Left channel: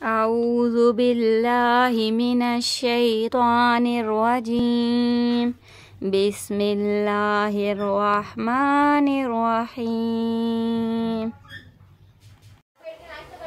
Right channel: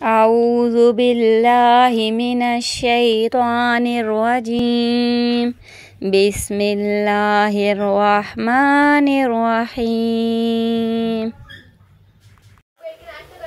अऊज़ु बिल्लाहि मिनश शैतानिर रजीम। बिस्मिल्लाहिर रहमानिर रहीम।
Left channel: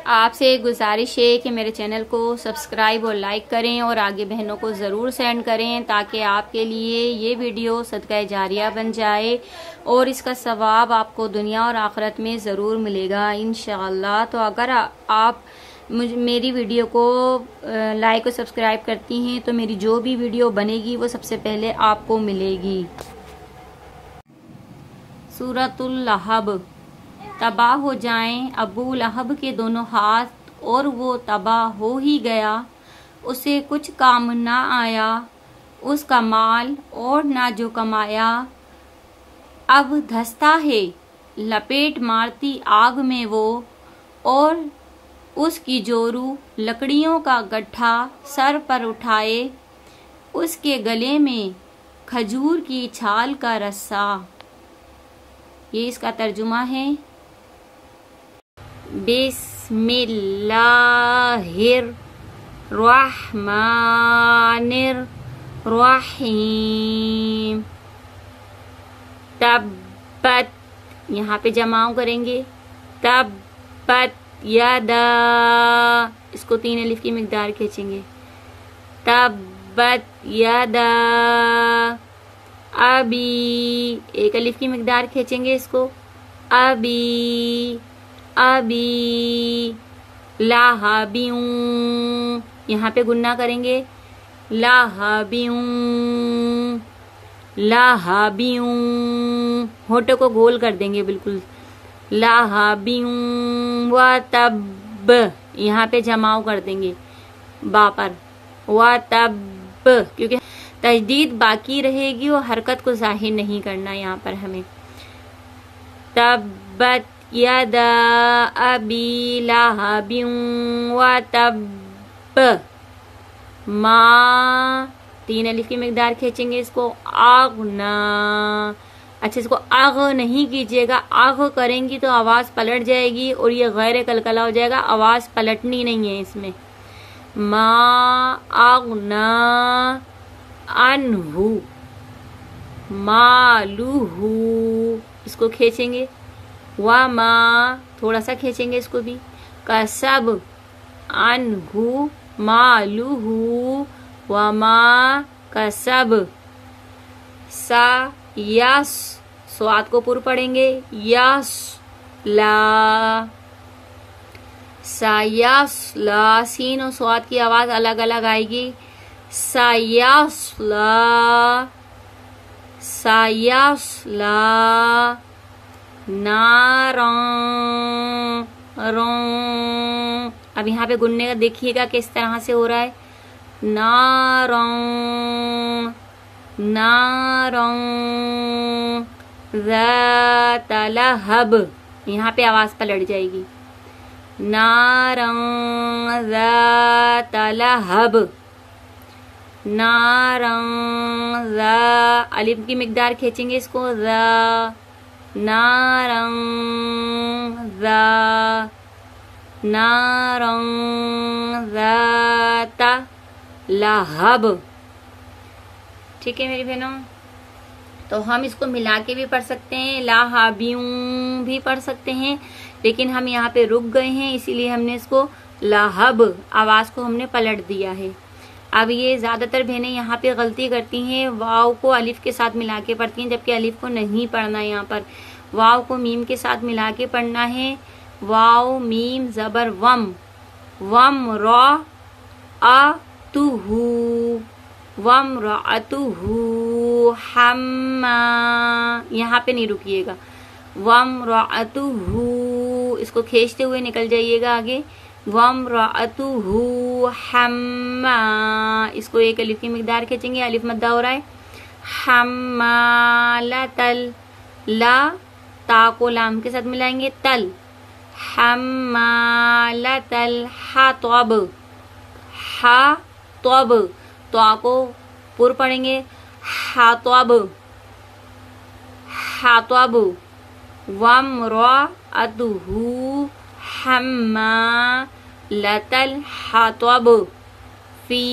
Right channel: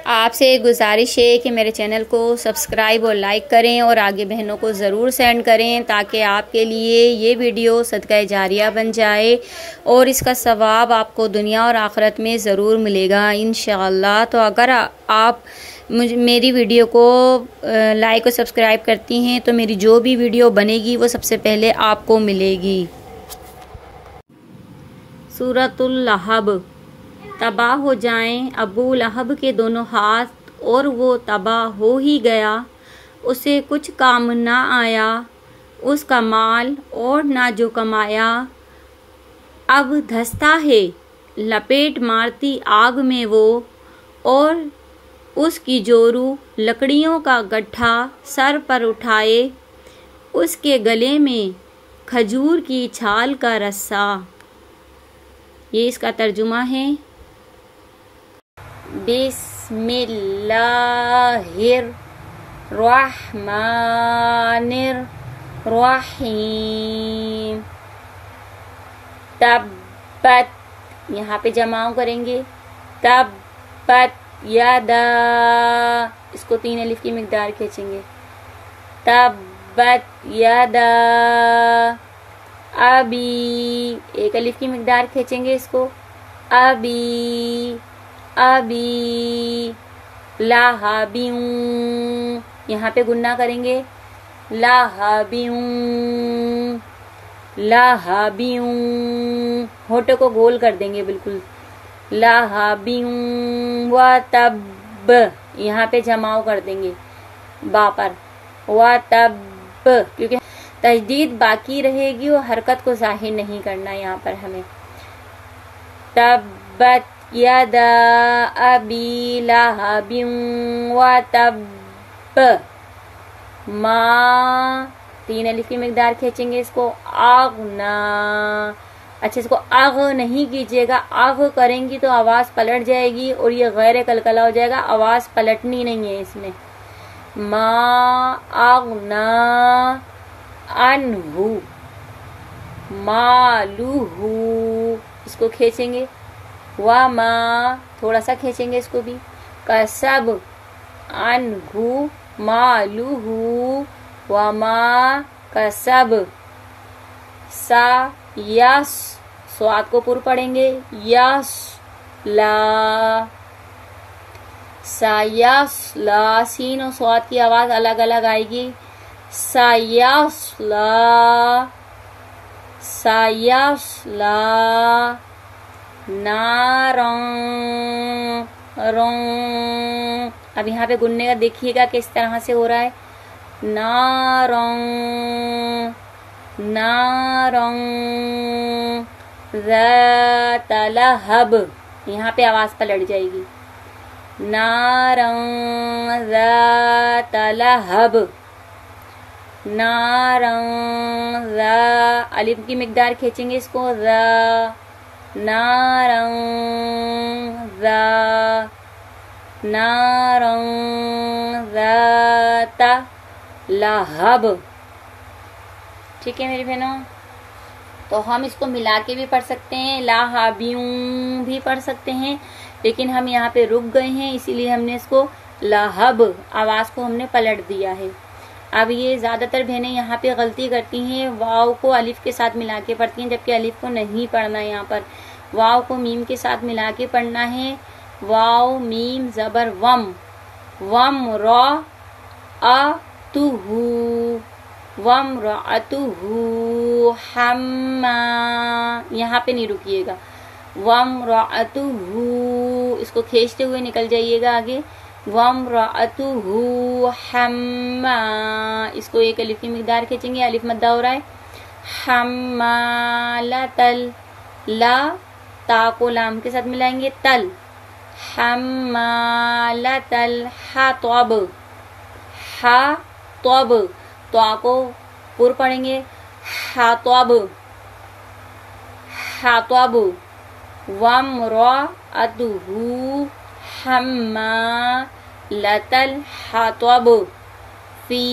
आपसे एक गुजारिश है कि मेरे चैनल को सब्सक्राइब और लाइक करें और आगे बहनों को ज़रूर सेंड करें ताकि आपके लिए ये वीडियो सदका जारिया बन जाए और इसका सवाब आपको दुनिया और आखिरत में ज़रूर मिलेगा इंशाअल्लाह। तो अगर आप मेरी वीडियो को लाइक और सब्सक्राइब करती हैं तो मेरी जो भी वीडियो बनेगी वो सबसे पहले आपको मिलेगी। सूरतुल लहब। तबाह हो जाएं अबू लहब के दोनों हाथ और वो तबाह हो ही गया। उसे कुछ काम ना आया, उसका माल और ना जो कमाया। अब धंसता है लपेट मारती आग में वो, और उसकी जोरू लकड़ियों का गड्ढा सर पर उठाए। उसके गले में खजूर की छाल का रस्सा। ये इसका तर्जुमा है। बिस्मिल्लाहिर रहमानिर रहीम। तब्बत, यहाँ पे जमाओ करेंगे। तब्बत यदा, इसको 3 अलिफ की मिकदार खींचेंगे। तब्बत यदा अबी, 1 अलिफ की मिकदार खींचेंगे इसको। अबी अबी लाहबियूं, यहाँ पे गुन्ना करेंगे। लाहबियूं लाहबियूं, होठों को गोल कर देंगे बिल्कुल। लाहबियूं व तब, यहाँ पे जमाव कर देंगे बा पर। व तब, क्योंकि तजदीद बाकी रहेगी और हरकत को जाहिर नहीं करना यहाँ पर हमें। तब्बत यदा अबी लहबिन व तब मा, 3 अलिफ की मिकदार खींचेंगे इसको। आगना, अच्छा इसको आग नहीं कीजिएगा, आग करेंगी तो आवाज पलट जाएगी और ये गैर कलकला हो जाएगा। आवाज पलटनी नहीं है इसमें। मा आगना अनहु मालूहु, इसको खींचेंगे। व मा, थोड़ा सा खींचेंगे इसको भी। कसब अनहु मालूहु व मा कसब। सा यस, स्वाद को पुर पढ़ेंगे। यस ला, सायस ला, सीन और स्वाद की आवाज अलग अलग आएगी। सायस ला सायस ला। नारं रों, अब यहाँ पे गुन्ने का देखिएगा किस तरह से हो रहा है। नारं नारं ज़ात लहब, यहाँ पे आवाज पलट जाएगी। नारं ज़ात लहब। नारं ज़ा, अलिफ की मिकदार खींचेंगे इसको। ज़ा, नारं ज़ा, नारं ज़ात लहब। ठीक है मेरी बहनों, तो हम इसको मिला के भी पढ़ सकते हैं, लाहाबियूं भी पढ़ सकते हैं, लेकिन हम यहाँ पे रुक गए हैं इसीलिए हमने इसको लहब, आवाज को हमने पलट दिया है। अब ये ज्यादातर बहनें यहाँ पे गलती करती हैं, वाव को अलिफ के साथ मिला के पढ़ती हैं, जबकि अलिफ को नहीं पढ़ना है। यहाँ पर वाव को मीम के साथ मिला के पढ़ना है। वाव मीम जबर वम, वम रॉ अ तुहू, वम रअतुहु हम्मा, यहाँ पे नहीं रुकिएगा। वम रअतुहु, इसको खींचते हुए निकल जाइएगा आगे। वम रअतुहु हम्मा, इसको 1 अलिफ की मिकदार खींचेंगे, अलिफ मद्दा हो रहा है। हम्मालतल, ला ता को लाम के साथ मिलाएंगे। तल, हम्मालतल हातब, हातब, तो को पुर पढ़ेंगे। हातब हातब। वम रअतुहु हम्मा लतल हातब, फी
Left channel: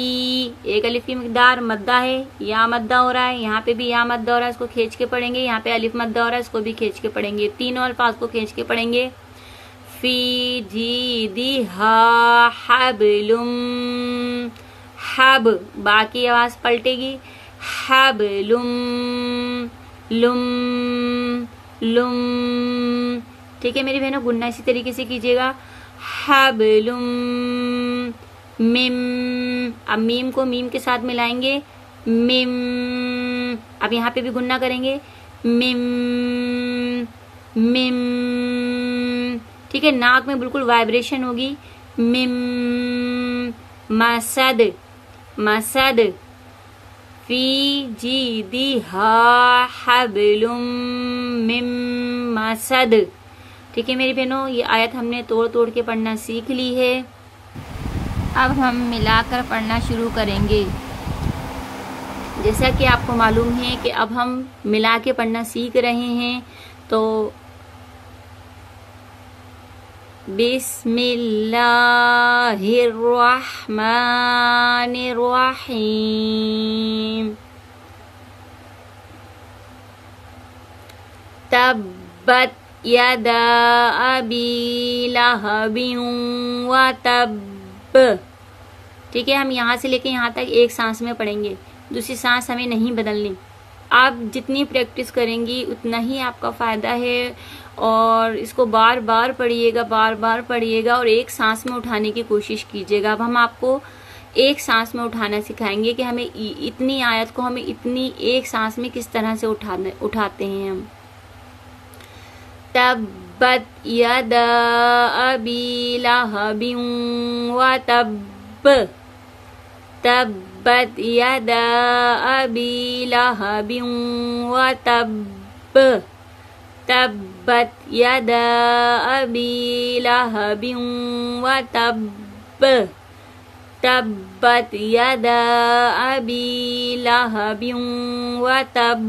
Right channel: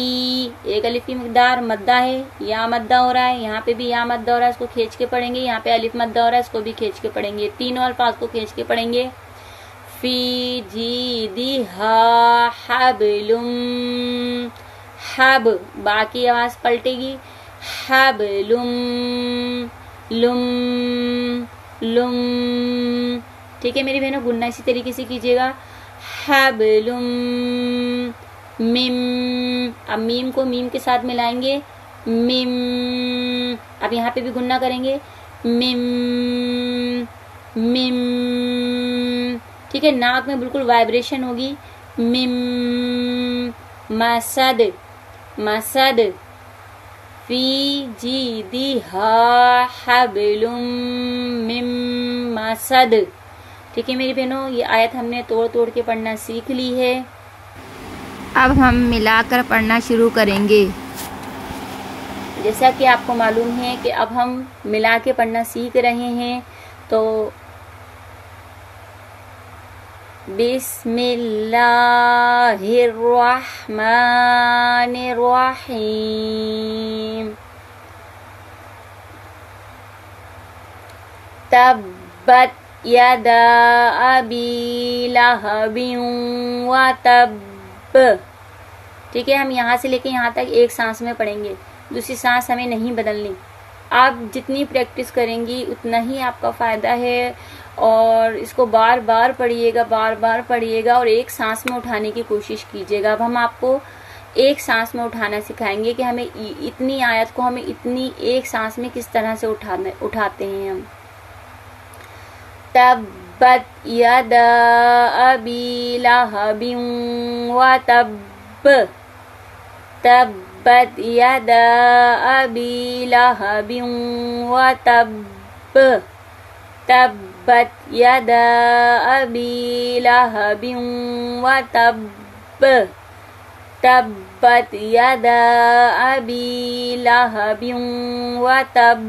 एक अलिफ की मिकदार मद्दा है, या मद्दा हो रहा है, यहाँ पे भी या मद्दा हो रहा है, इसको खींच के पढ़ेंगे, यहाँ पे अलिफ मद्दा हो रहा है, इसको भी खींच के पढ़ेंगे, तीनों अल्फाज को खींच के पढ़ेंगे। फी जीदिहा हबलुम, हब बाकी आवाज पलटेगी, हबलुम लुम लुम। ठीक है मेरी बहनों, गुन्ना इसी तरीके से कीजिएगा, हबलुम मिम, अब मीम को मीम के साथ मिलाएंगे, मिम, अब यहाँ पे भी गुन्ना करेंगे, मिम मिम। ठीक है, नाक में बिल्कुल वाइब्रेशन होगी, मिम मसद, मसद, फी जीदिहा हबलुम मिम मसद। ठीक है मेरी बहनों, ये आयत हमने तोड़ तोड़ के पढ़ना सीख ली है। अब हम मिलाकर पढ़ना शुरू करेंगे। जैसा कि आपको मालूम है कि अब हम मिला के पढ़ना सीख रहे हैं, तो बिस्मिल्लाहिर्रहमानिर्रहीम, तब्बत यदा अबी लहबिन व तब। ठीक है, हम यहाँ से लेके यहाँ तक एक सांस में पढ़ेंगे, दूसरी सांस हमें नहीं बदलनी। आप जितनी प्रैक्टिस करेंगी उतना ही आपका फायदा है, और इसको बार बार पढ़िएगा, बार बार पढ़िएगा, और एक सांस में उठाने की कोशिश कीजिएगा। अब हम आपको एक सांस में उठाना सिखाएंगे कि हमें इतनी आयत को हमें इतनी एक सांस में किस तरह से उठाते हैं हम। तब्बत यदा अबी लहबिन व तब, तब्बत यदा अबी लहबिन व तब, तब्बत यदा अबी लहबिन व तब, तब्बत यदा अबी लहबिन व तब।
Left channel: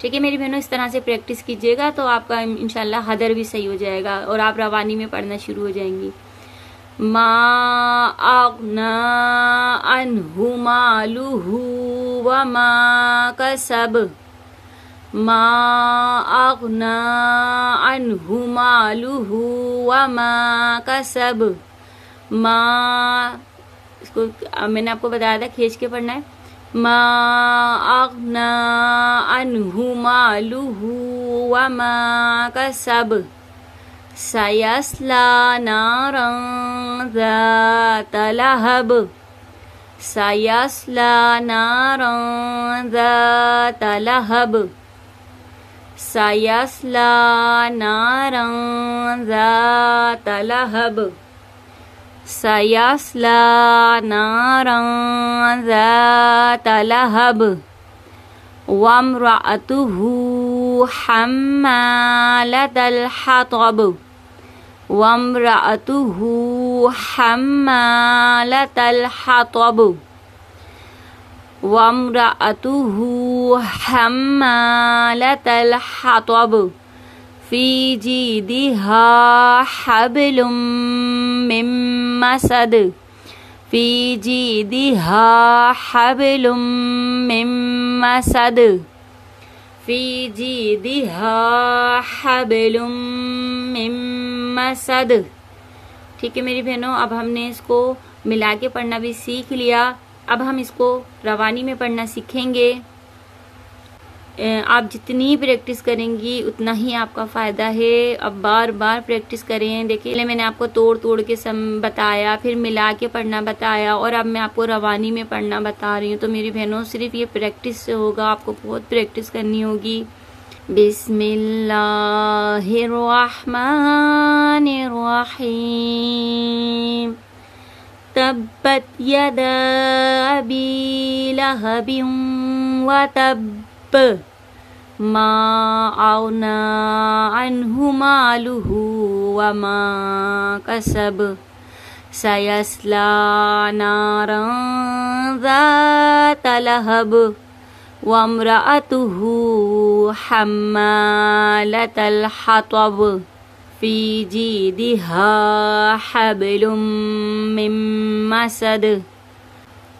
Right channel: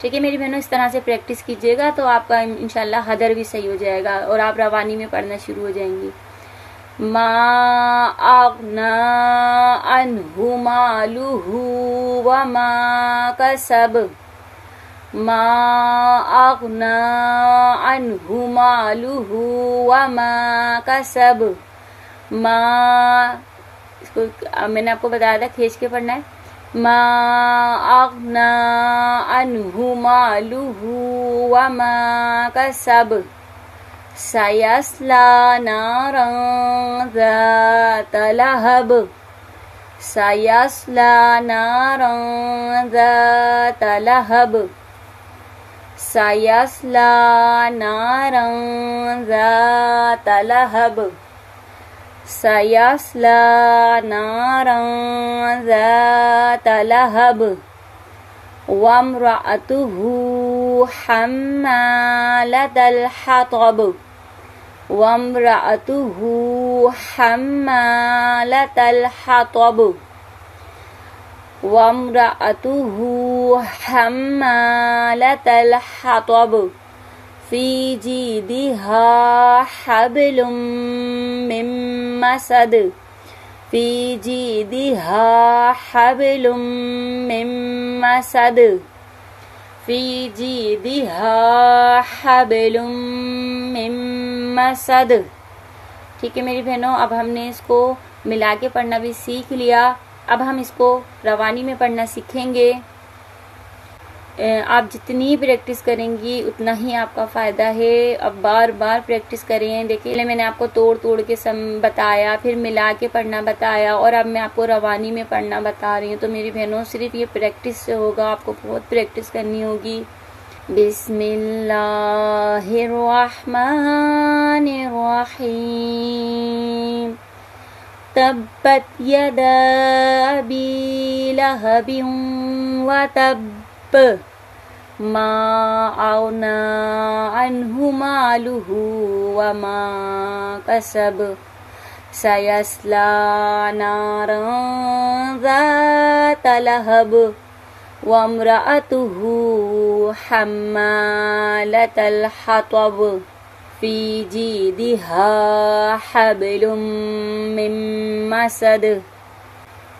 ठीक है मेरी बहनों, इस तरह से प्रैक्टिस कीजिएगा तो आपका इंशाल्लाह हदर भी सही हो जाएगा और आप रवानी में पढ़ना शुरू हो जाएंगी। मा अग़ना अन्हु मालुहु व मा कसब, मा अग़ना अन्हु मालुहु व मा कसब। मा, इसको मैंने आपको बताया था खींच के पढ़ना है। मा अग़ना अन्हु मालुहु व मा कसब, सयस्ला नारन ज़ात लहब, सयस्ला नारन ज़ात लहब, सयस्ला नारन ज़ात लहब, सयस्ला नारन ज़ात लहब। वम्रअतुहु हम्मालतल हतब, वम्रअतुहु हम्मालतल हतब, वम्रअतुहु हम्मालतल हतब, फी जीदिहा हब्लुम मिन मसद, फी जीदिहा हब्लुम मिन मसद, फी जीदिहा हब्लुम मिन मसद। ठीक है मेरी बहनों, अब हमने इसको मिला के पढ़ना भी सीख लिया। अब हम इसको रवानी में पढ़ना सीखेंगे। आप जितनी प्रैक्टिस करेंगी उतना ही आपका फायदा है। अब बार बार प्रैक्टिस करें। देखिए मैंने आपको तोड़ तोड़ के बताया, फिर मिला के पढ़ना बताया, और अब मैं आपको रवानी में पढ़ना बता रही हूँ। तो मेरी बहनों सिर्फ ये प्रैक्टिस से होगा, आपको बहुत प्रैक्टिस करनी होगी। बिस्मिल्लाहिर्रहमानिर्रहीम, तब्बत यदा अबी लहबिन व तब, मा अग़ना अन्हु मालुहु व मा कसब, सयस्ला नारन ज़ात लहब, वम्रअतुहु हम्मालतल हतब, فی جیدہا حبل من مسد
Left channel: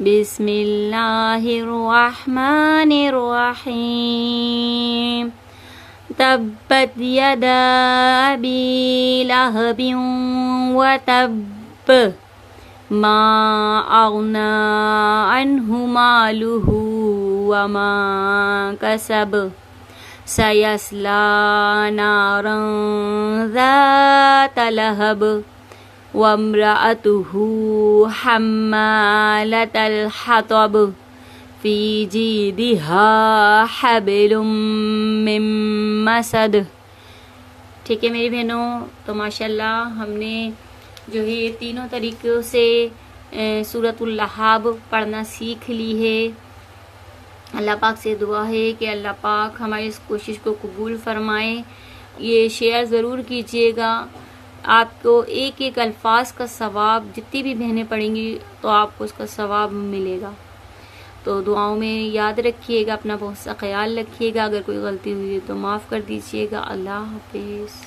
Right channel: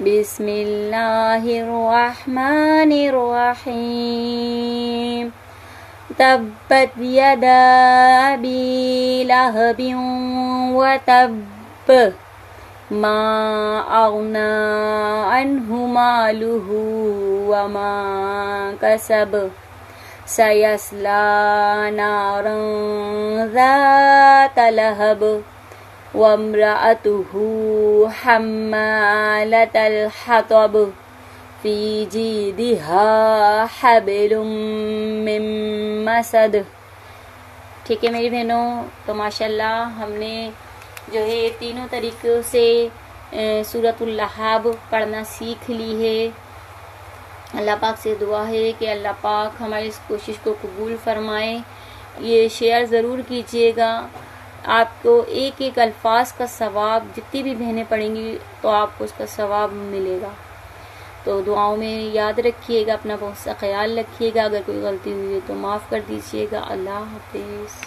بسم اللہ الرحمن الرحیم تبت یدا ابی لہب وتب ما اغنى عنہ مالہ وما کسب سیصلی نارا ذات لہب وامرأته حمالة الحطب فی جیدہا حبل من مسد۔ ٹھیک ہے میری بہنوں، تو ماشاءاللہ ہم نے جو ہے تینوں طریقوں سے سورۃ اللہاب پڑھنا سیکھ لی ہے۔ اللہ پاک سے دعا ہے کہ اللہ پاک ہماری اس کوشش کو قبول فرمائے۔ یہ شیئر ضرور کیجیے گا، آپ کو ایک ایک الفاظ کا ثواب، جتنی بھی بہنیں پڑھیں گی تو آپ کو اس کا ثواب ملے گا۔ تو دعاؤں میں یاد رکھیے گا، اپنا بہت سا خیال رکھیے گا، اگر کوئی غلطی ہوئی ہے تو معاف کر دیجیے گا۔ اللہ حافظ۔